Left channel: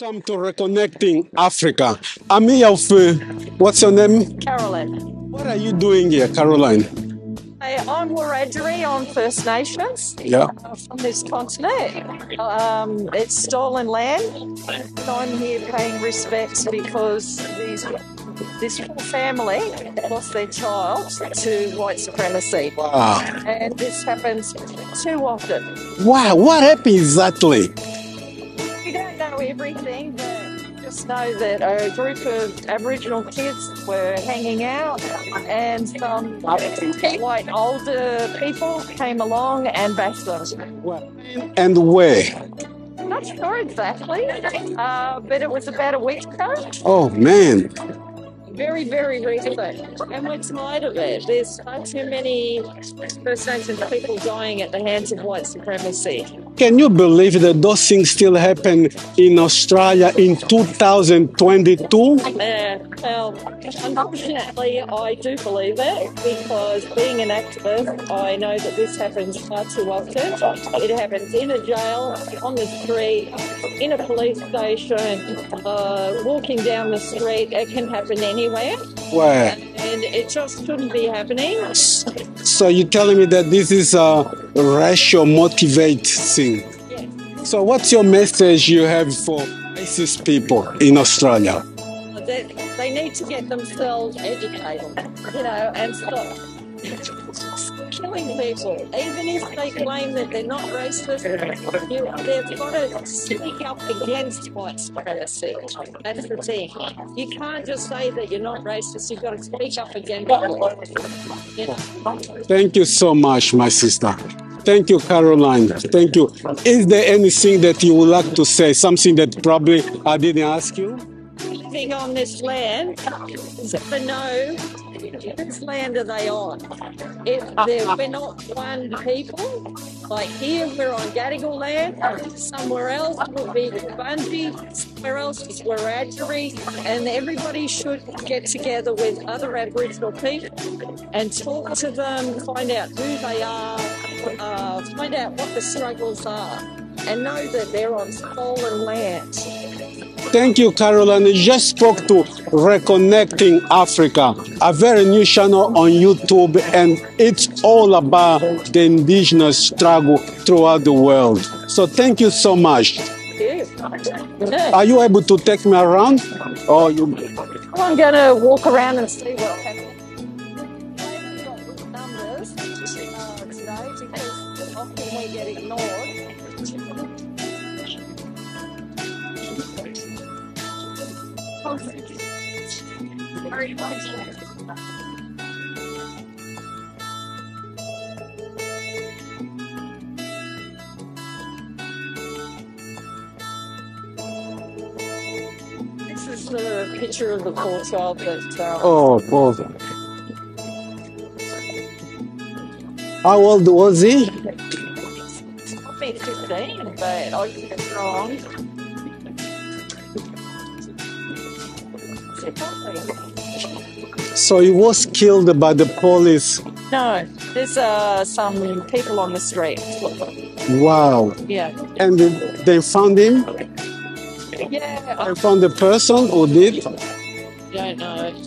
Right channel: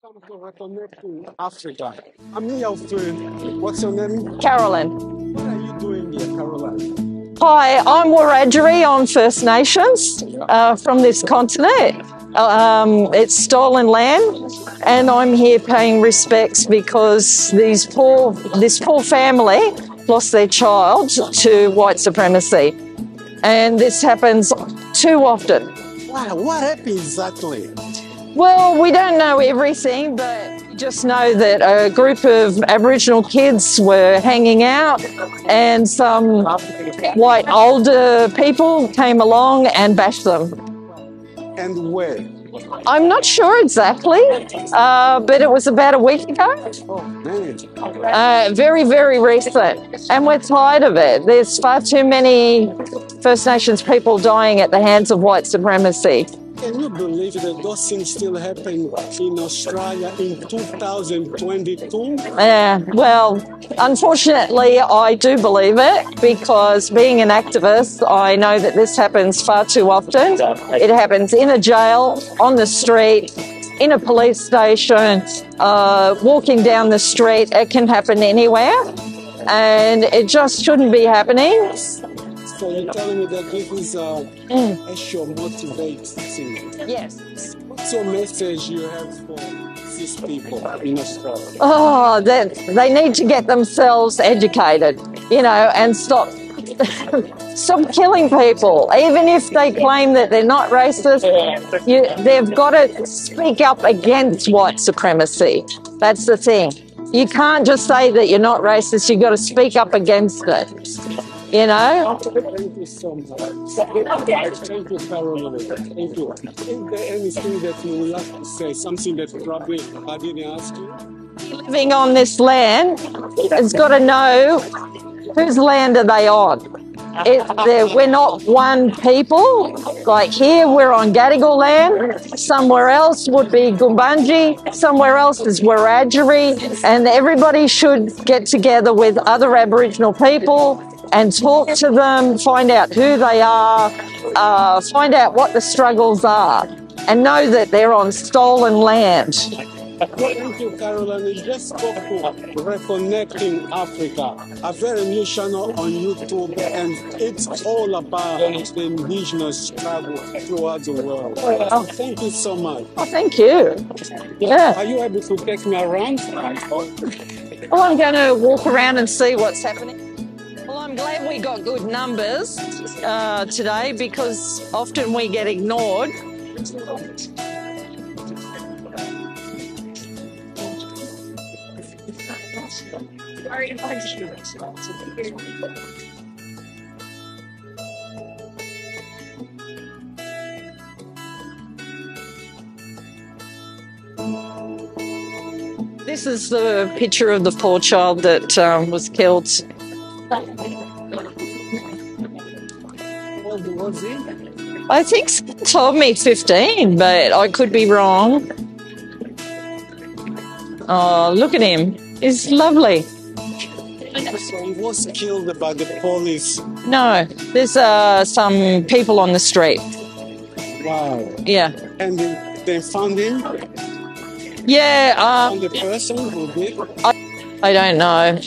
Welcome to Reconnecting Africa. I'm here with, what's your name? Carolyn. What are you doing here, Caroline? Hi, I'm Wiradjuri on First Nations from this continent. It's stolen land, and I'm here paying respects because this poor family lost their child to white supremacy. Wow. And this happens too often. Wow, what happened exactly? Well, we don't know everything, but just know that a group of Aboriginal kids were hanging out and some white older people came along and bashed them. And where? I'm not sure exactly, but it was about a week ago. Oh, man. Very, very recent. And we're tired of it. There's far too many First Nations people dying at the hands of white supremacy. Can you believe that those things still happen in Australia in 2022? Well, unfortunately, I do believe it because being an activist, I know that this happens far too often. It happens in a jail, on the street, in a police station, walking down the street. It can happen anywhere. Wow. And it just shouldn't be happening. So you're telling me that this is a racial motivated thing? Yes. So what's your message you have for racist people in Australia? Oh, that they need to get themselves educated, and stop killing people. Even if they claim that they're not racist, they've got to speak up against white supremacy. That's the thing. You can't just say that you're not racist, you've got to speak up against it. Thank you so much, my sister. Thank you, Caroline. Thank you. Is there anything that you would like to say? Something that probably I didn't ask you? Living on this land has got to know whose land are they on. We're not one people. Like here, we're on Gadigal land. Somewhere else would be Gumbaynggirr. Somewhere else is Wiradjuri. And everybody should get together with other Aboriginal people and talk to them, find out who they are, find out what the struggles are, and know that they're on stolen land. Thank you, Caroline. You just spoke to Reconnecting Africa, a very new channel on YouTube, and it's all about the indigenous struggle throughout the world. So thank you so much. Thank you. Yeah. Are you able to take me around? Well, I'm going to walk around and see what's happening. Well, I'm glad we got good numbers today because often we get ignored. This is the picture of the poor child that was killed. How old was he? I think someone told me 15, but I could be wrong. Oh, look at him. He's lovely. So he was killed by the police? No, there's some people on the street. Wow. Yeah. And they found him? Yeah. They found the person who did? I don't know.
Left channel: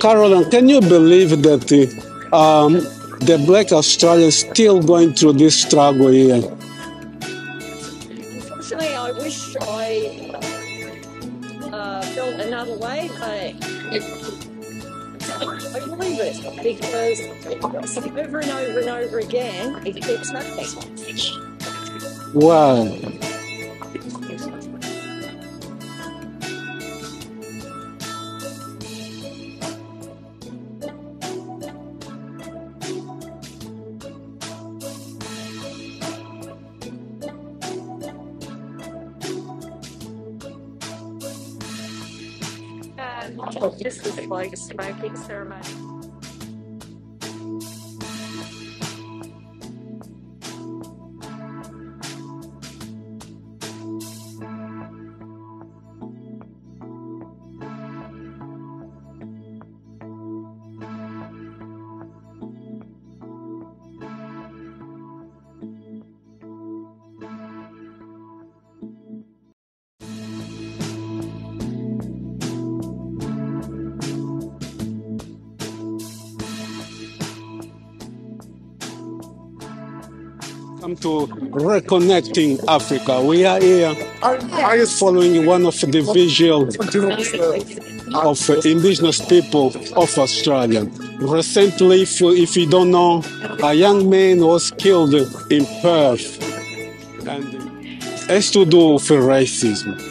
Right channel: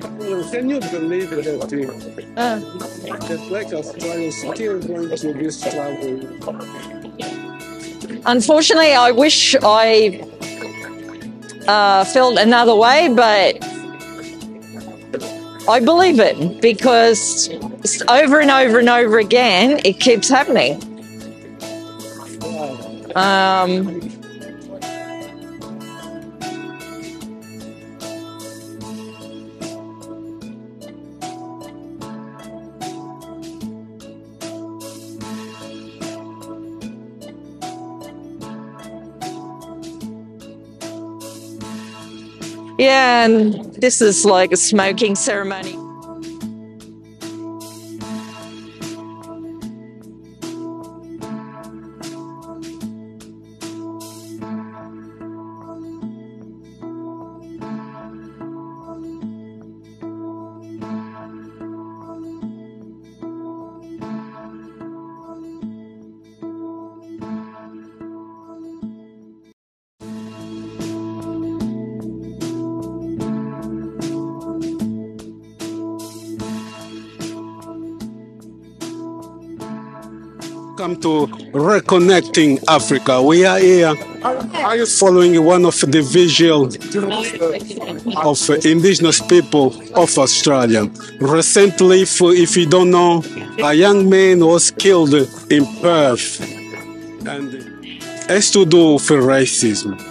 Caroline, can you believe that the Black Australians still going through this struggle here? Unfortunately, I wish I felt another way, but I believe it because over and over and over again, it keeps happening. Wow. Yeah, and this is like a smoking ceremony. Welcome to Reconnecting Africa. We are here. Are you following one of the vigil of indigenous people of Australia? Recently, if you don't know, a young man was killed in Perth, and it has to do with racism.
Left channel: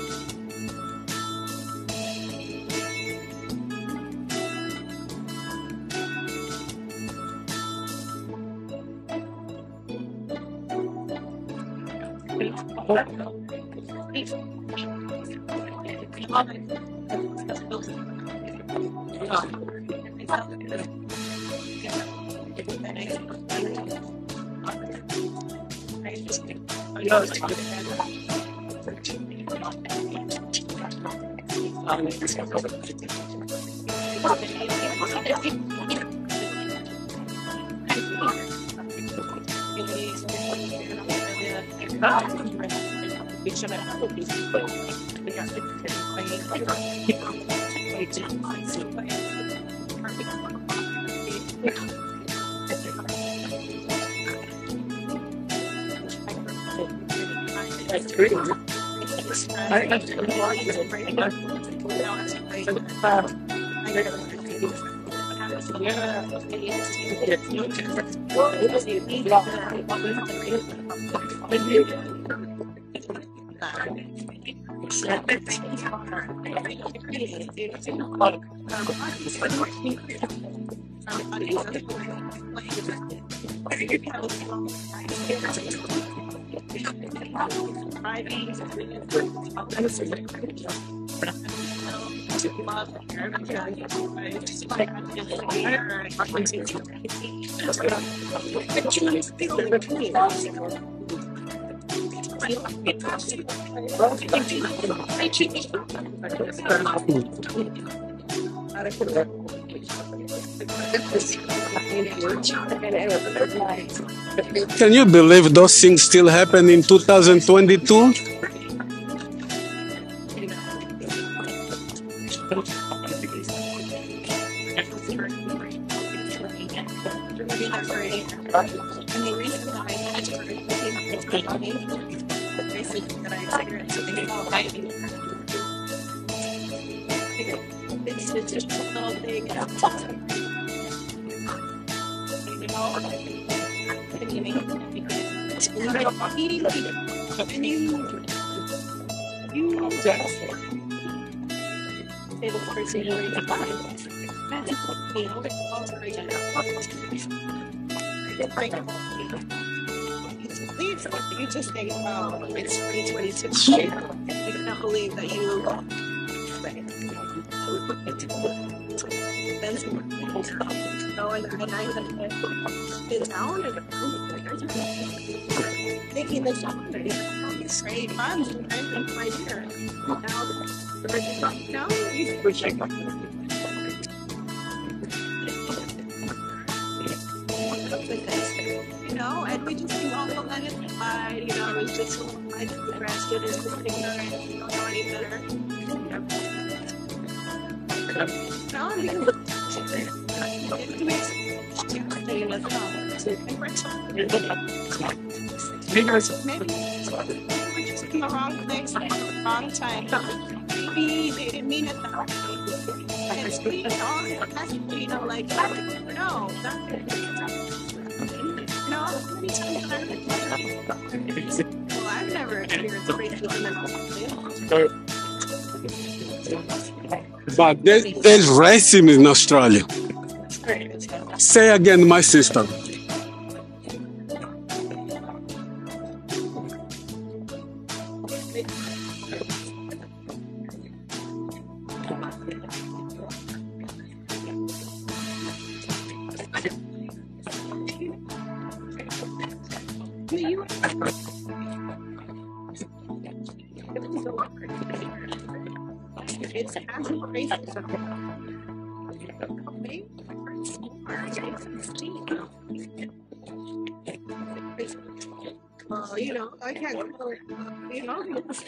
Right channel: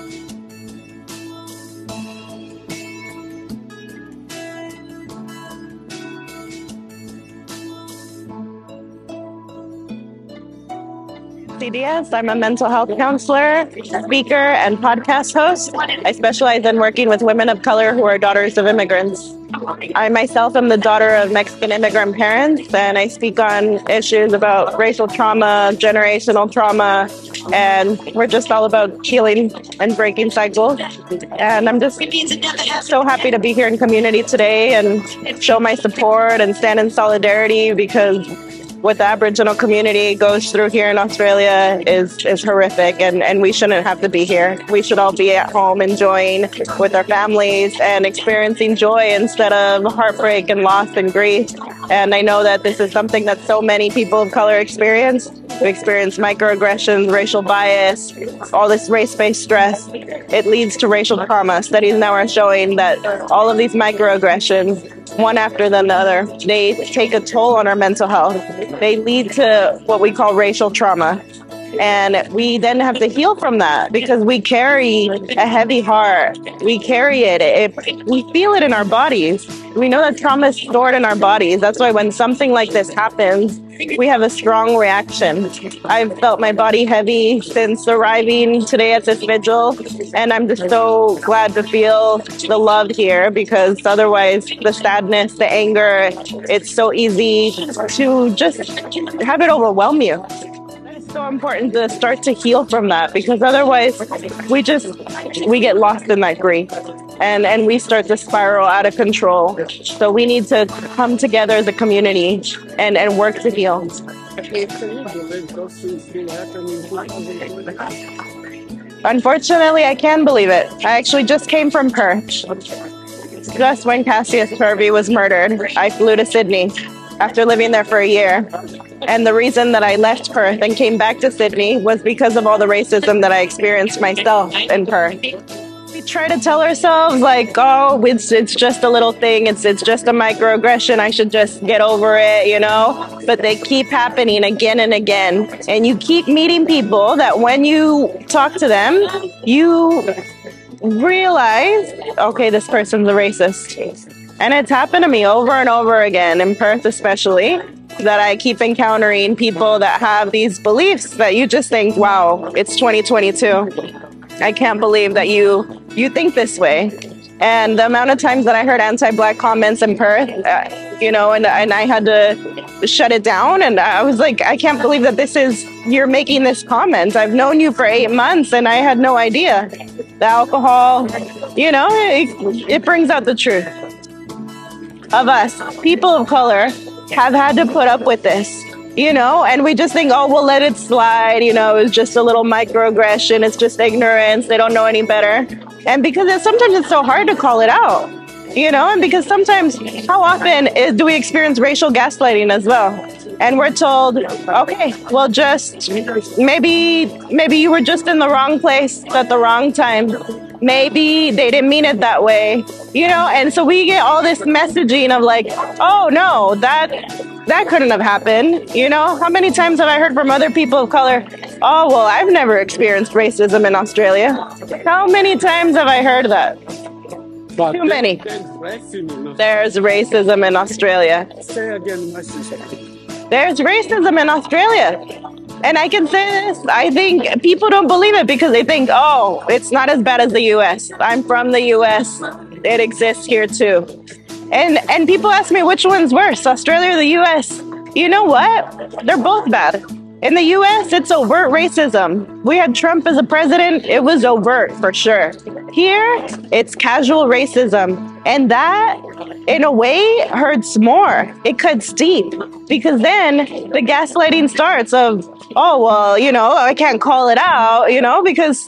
Diaz. I'm a mental health counselor, speaker, and podcast host. I specialize in working with women of color who are daughters of immigrants. I myself am the daughter of Mexican immigrant parents, and I speak on issues about racial trauma, generational trauma, and we're just all about healing and breaking cycles. And I'm just so happy to be here in community today and show my support and stand in solidarity because what the Aboriginal community goes through here in Australia is horrific, and we shouldn't have to be here. We should all be at home enjoying with our families and experiencing joy instead of heartbreak and loss and grief. And I know that this is something that so many people of color experience. We experience microaggressions, racial bias, all this race-based stress. It leads to racial trauma. Studies now are showing that all of these microaggressions, one after the other, they take a toll on our mental health. They lead to what we call racial trauma. And we then have to heal from that because we carry a heavy heart. We carry it. We feel it in our bodies. We know that trauma is stored in our bodies. That's why when something like this happens, we have a strong reaction. I've felt my body heavy since arriving today at this vigil, and I'm just so glad to feel the love here because otherwise the sadness, the anger, it's so easy to just have it overwhelm you. It's so important to start to heal from that because otherwise we get lost in that grief and we start to spiral out of control. So we need to come together as a community and work to heal. Can you believe those things still happen in 2022? Unfortunately, I can believe it. I actually just came from Perth. Just when Cassius Turvey was murdered, I flew to Sydney after living there for a year. And the reason that I left Perth and came back to Sydney was because of all the racism that I experienced myself in Perth. We try to tell ourselves like, oh, it's just a little thing. It's just a microaggression. I should just get over it, you know? But they keep happening again and again. And you keep meeting people that when you talk to them, you realize, okay, this person's a racist. And it's happened to me over and over again, in Perth especially, that I keep encountering people that have these beliefs that you just think, wow, it's 2022. I can't believe that you think this way. And the amount of times that I heard anti-Black comments in Perth, and I had to shut it down. And I was like, I can't believe that you're making this comment. I've known you for 8 months and I had no idea. The alcohol, it brings out the truth of us. People of color have had to put up with this, and we just think, oh, we'll let it slide. It's just a little microaggression. It's just ignorance. They don't know any better. And because sometimes it's so hard to call it out, and because sometimes how often do we experience racial gaslighting as well? And we're told, okay, well, just maybe you were just in the wrong place at the wrong time. maybe they didn't mean it that way, you know? And so we get all this messaging of like, oh no, that couldn't have happened, you know? How many times have I heard from other people of color, oh, well, I've never experienced racism in Australia. How many times have I heard that? But Too many. there's racism in Australia. There's racism in Australia. Say again, my sister. There's racism in Australia. And I can say this, I think people don't believe it because they think, oh, it's not as bad as the US. I'm from the US. It exists here too. And people ask me which one's worse, Australia or the US? You know what? They're both bad. In the US, it's overt racism. We had Trump as a president, it was overt for sure. Here, it's casual racism. And that, in a way, hurts more. It cuts deep. Because then the gaslighting starts of, oh, well, you know, I can't call it out, you know, because,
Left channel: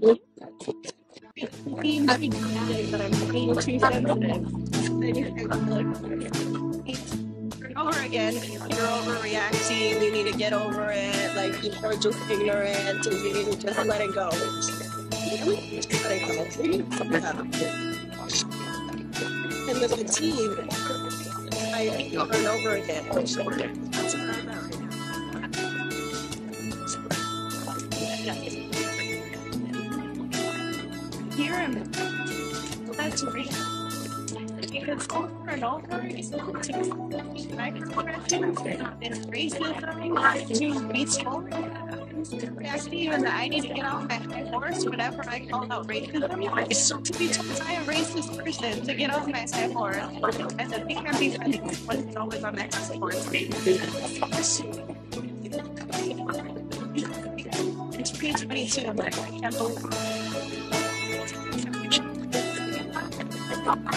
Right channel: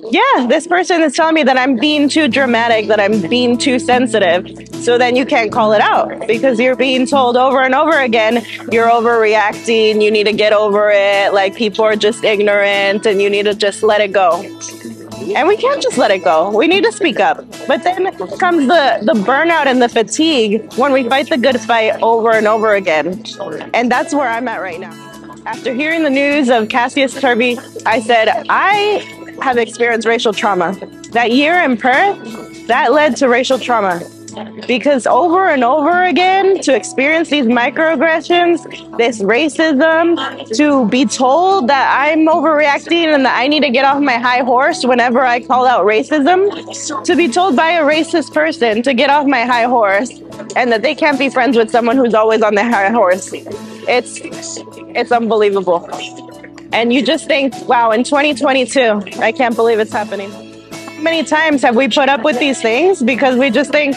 yeah, this person is telling me that I'm being too dramatic, that I'm being too sensitive. So then you can't call it out because you're being told over and over again, you're overreacting, you need to get over it, like people are just ignorant and you need to just let it go. And we can't just let it go. We need to speak up. But then comes the burnout and the fatigue when we fight the good fight over and over again. And that's where I'm at right now. After hearing the news of Cassius Turvey, I said, I have experienced racial trauma. That year in Perth, that led to racial trauma. Because over and over again, to experience these microaggressions, this racism, to be told that I'm overreacting and that I need to get off my high horse whenever I call out racism, to be told by a racist person to get off my high horse and that they can't be friends with someone who's always on their high horse. It's unbelievable. And you just think, wow, in 2022, I can't believe it's happening. How many times have we put up with these things because we just think,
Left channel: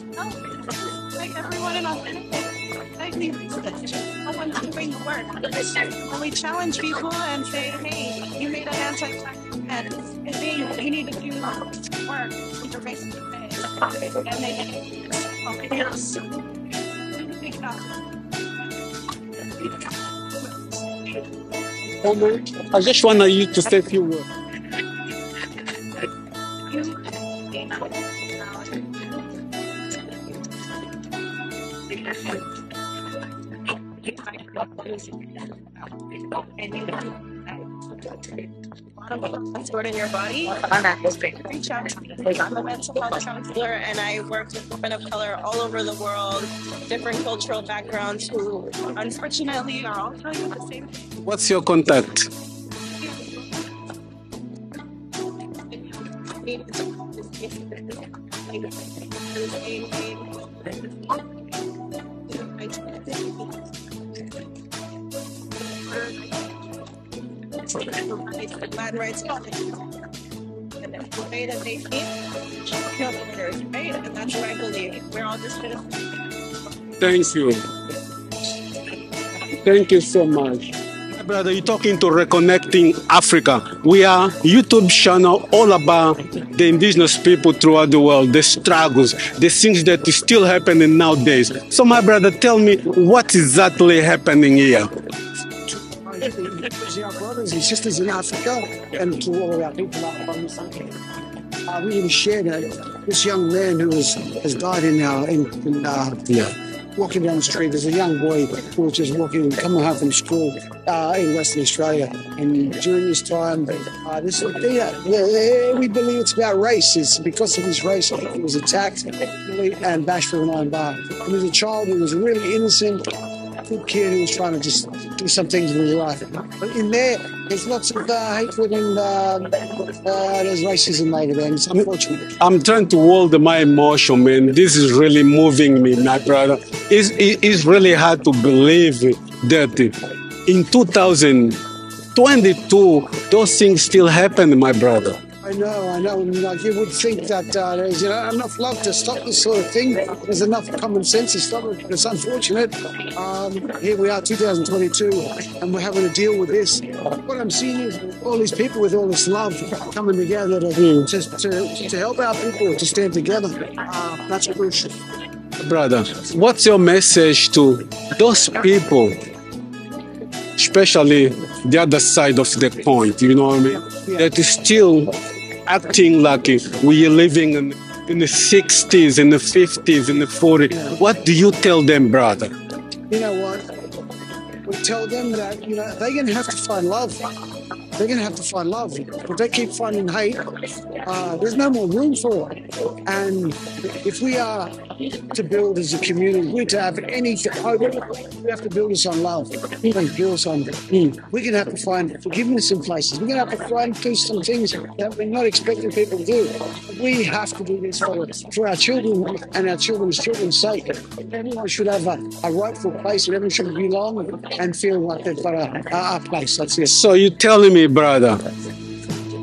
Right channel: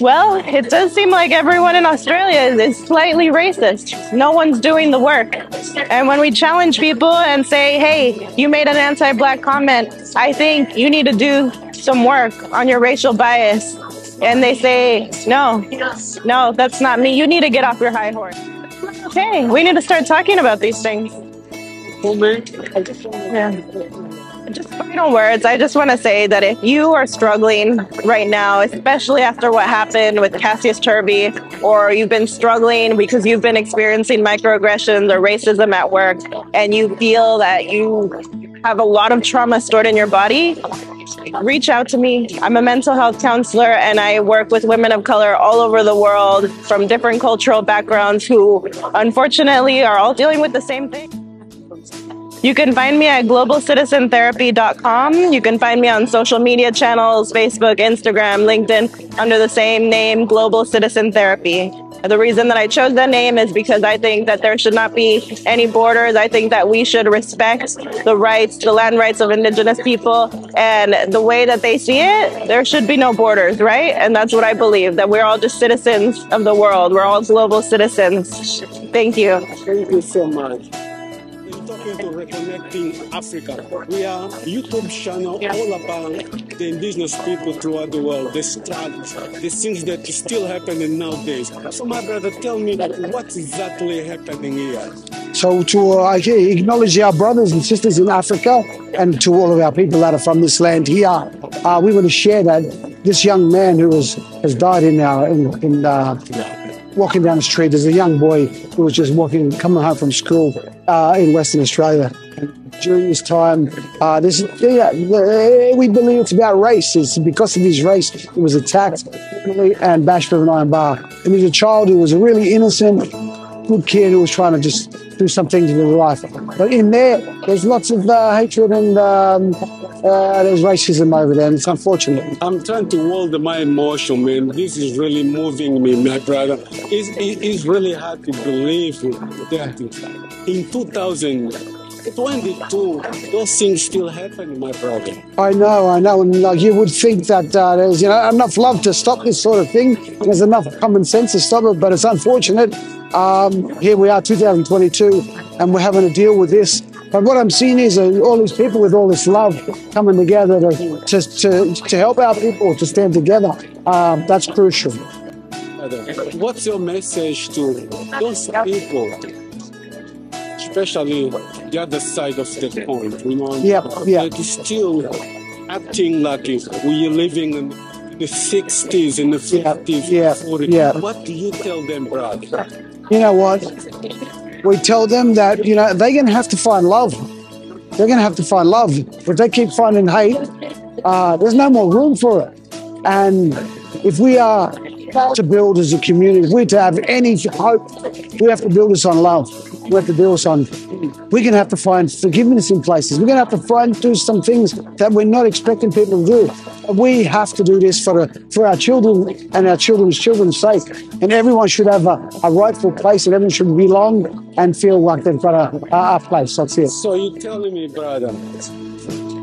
well, it does seem like everyone in Australia is slightly racist. No one's doing the work. And when we challenge people and say, hey, you made an anti-Black comment, I think you need to do some work on your racial bias. And they say, no, that's not me. You need to get off your high horse. Okay, we need to start talking about these things. I just want you to say a few words. Just final words. I just want to say that if you are struggling right now, especially after what happened with Cassius Turvey, or you've been struggling because you've been experiencing microaggressions or racism at work, and you feel that you have a lot of trauma stored in your body, reach out to me. I'm a mental health counselor and I work with women of color all over the world from different cultural backgrounds who unfortunately are all dealing with the same thing. What's your contact? You can find me at globalcitizentherapy.com. You can find me on social media channels, Facebook, Instagram, LinkedIn, under the same name, Global Citizen Therapy. The reason that I chose that name is because I think that there should not be any borders. I think that we should respect the rights, the land rights of Indigenous people, and the way that they see it, there should be no borders, right? And that's what I believe, that we're all just citizens of the world. We're all global citizens. Thank you. Thank you so much. Brother, you're talking to Reconnecting Africa. We are a YouTube channel all about the indigenous people throughout the world, the struggles, the things that is still happening nowadays. So my brother, tell me what exactly happening here? So to acknowledge our brothers and sisters in Africa and to all of our people that are from this land here, we want to share that this young man who has died walking down the street. There's a young boy who was just coming home from school in Western Australia. And during this time, we believe it's about race. It's because of his race, he was attacked and bashed with an iron bar. He was a child who was a really innocent, good kid who was trying to just do some things in his life. But in there's lots of hatred and there's racism over there, and it's unfortunate. I'm trying to hold my emotion, man. This is really moving me, my brother. It's really hard to believe that in 2022, those things still happen, my brother. I know. And like you would think that there's enough love to stop this sort of thing. There's enough common sense to stop it, but it's unfortunate. Here we are, 2022, and we're having to deal with this. But what I'm seeing is all these people with all this love coming together to help our people to stand together. That's crucial. Brother, what's your message to those people, especially the other side of the point, you know what I mean? Yeah. That is still acting like we are living in the 60s, in the 50s, in the 40s. Yeah. What do you tell them, brother? You know what? We tell them that, they're going to have to find love. They're going to have to find love. If they keep finding hate, there's no more room for it. And if we are to build as a community, if we're to have any hope, we have to build this on love. We have to build this on, we're going to have to find forgiveness in places. We're going to have to do some things that we're not expecting people to do. We have to do this for our children and our children's sake. And everyone should have a rightful place, and everyone should belong and feel like they've got a place. That's it. So you're telling me, brother,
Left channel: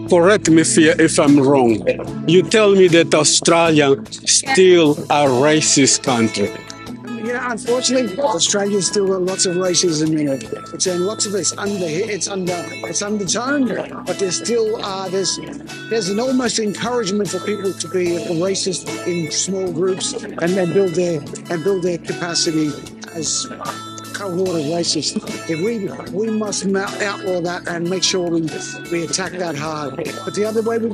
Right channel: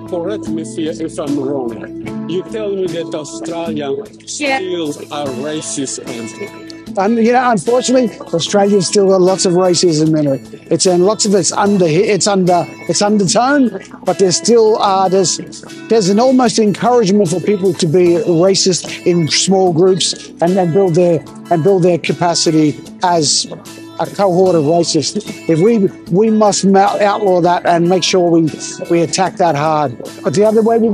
correct me if I'm wrong, you tell me that Australia still a racist country. And unfortunately, Australia's still got lots of racism in it. It's and lots of it's undertone, but there's still there's an almost encouragement for people to be racist in small groups and then build their capacity as a cohort of racists. If we must outlaw that and make sure we attack that hard. But the other way we've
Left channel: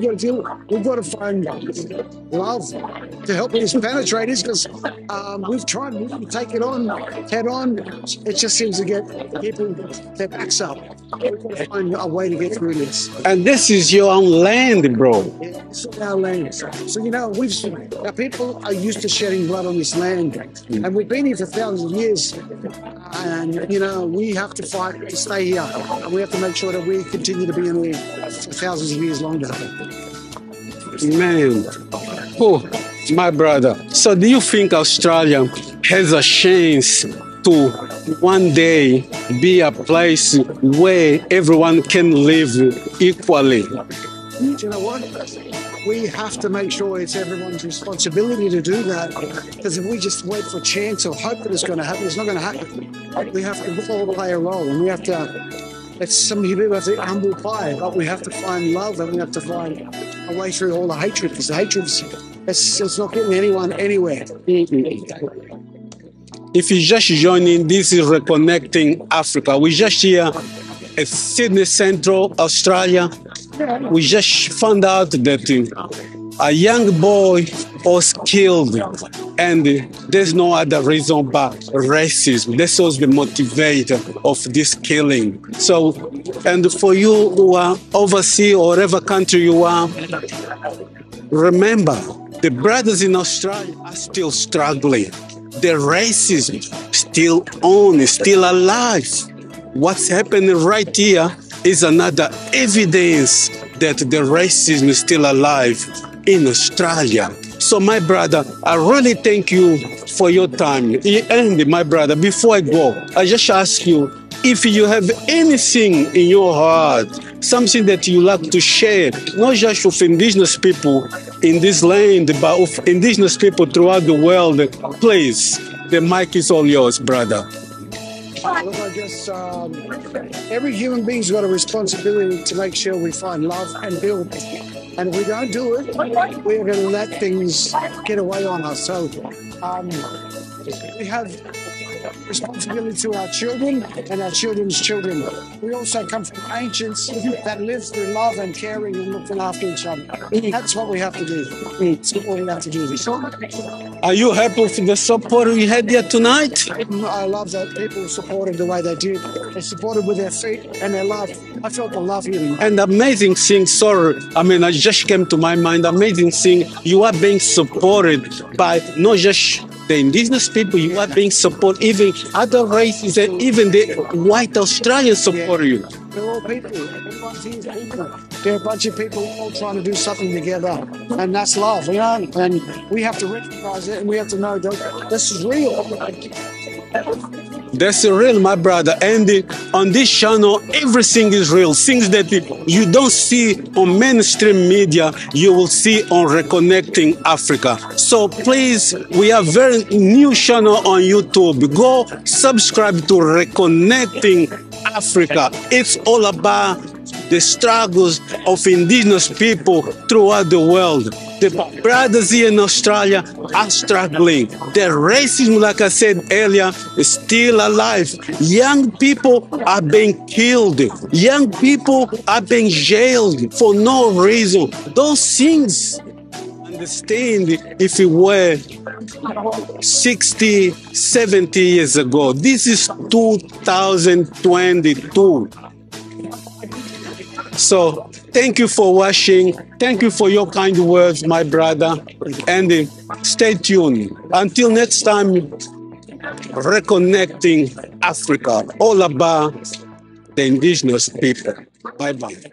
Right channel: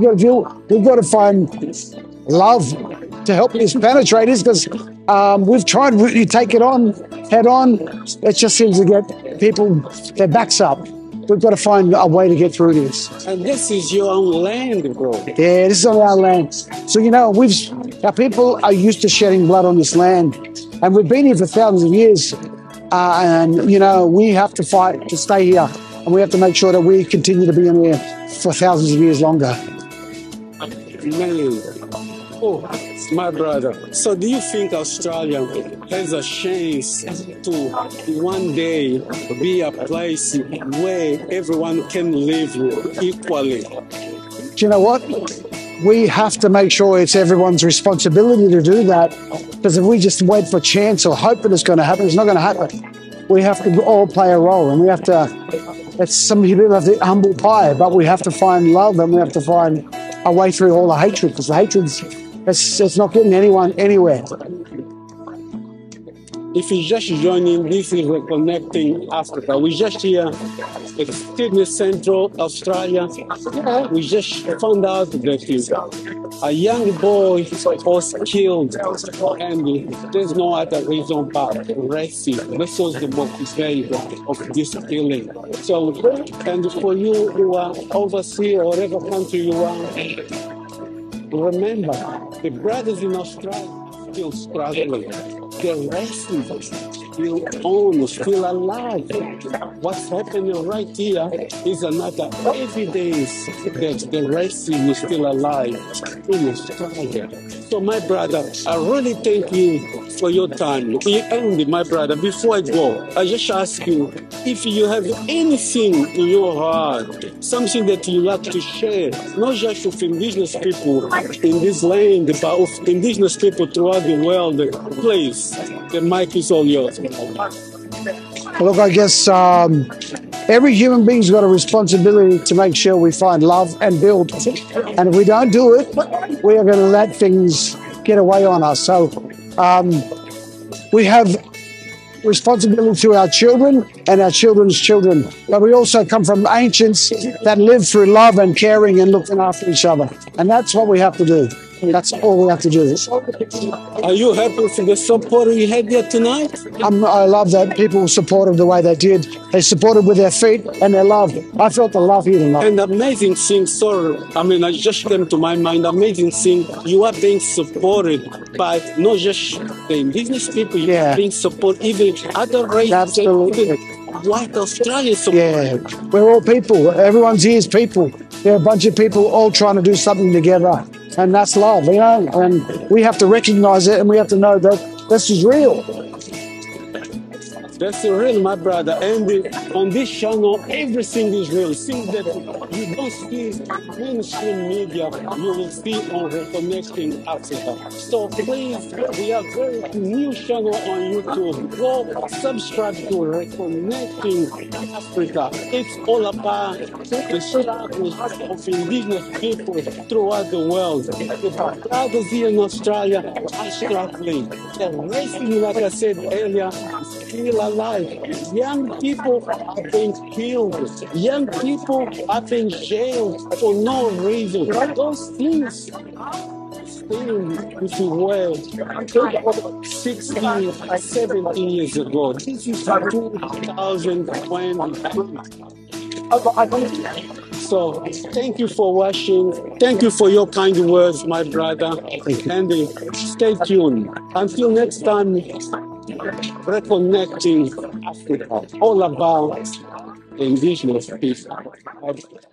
got to find love to help these penetrators, because we've tried to take it on head on. It just seems to get people their backs up. We've got to find a way to get through this. And this is your own land, bro. Yeah, this is on our land. So, our people are used to shedding blood on this land. And we've been here for thousands of years. And we have to fight to stay here. And we have to make sure that we continue to be in here for thousands of years longer. Man. Oh, my brother. So do you think Australia has a chance to one day be a place where everyone can live equally? Do you know what? We have to make sure it's everyone's responsibility to do that, because if we just wait for a chance or hope that it's going to happen, it's not going to happen. We have to all play a role, and we have to, some people have to humble pie, but we have to find love, and we have to find a way through all the hatred, because the hatred's it's not getting anyone anywhere. If you're just joining, this is Reconnecting Africa. We're just here at Sydney Central, Australia. Yeah. We just found out that a young boy was killed, and there's no other reason but racism. This was the motivator of this killing. So, and for you who are overseas or whatever country you are, remember, the brothers in Australia are still struggling. The racism still on, is still alive. What's happening right here is another evidence that the racism is still alive in Australia. So, my brother, I really thank you for your time. And my brother, before I go, I just ask you, if you have anything in your heart, something that you like to share, not just with indigenous people in this land, but with indigenous people throughout the world, please, the mic is all yours, brother. Look, I guess every human being's got a responsibility to make sure we find love and build. And if we don't do it, we are going to let things get away on us. So we have responsibility to our children and our children's children. But we also come from ancients that lived through love and caring and looking after each other. And that's what we have to do. That's all we have to do. Are you happy with the support you had here tonight? I love that people supported the way they did. They supported with their feet and their love. I felt the love here tonight. And amazing thing, I just came to my mind, amazing thing, you are being supported by not just the indigenous people, you are being supported, even other races, and even the white Australians support you. We're all people. Everyone's here is people. They're a bunch of people all trying to do something together. And that's love, and we have to recognize it, and we have to know that this is real. That's real, my brother. And on this channel, everything is real. Things that you don't see on mainstream media, you will see on Reconnecting Africa. So please, we have very new channel on YouTube. Go subscribe to Reconnecting Africa. Africa. It's all about the struggles of indigenous people throughout the world. The brothers here in Australia are struggling. The racism, like I said earlier, is still alive. Young people are being killed. Young people are being jailed for no reason. Those things, understand if it were 60, 70 years ago. This is 2022. So thank you for watching. Thank you for your kind words, my brother. And stay tuned. Until next time, reconnecting Africa, all about the indigenous people. Bye-bye.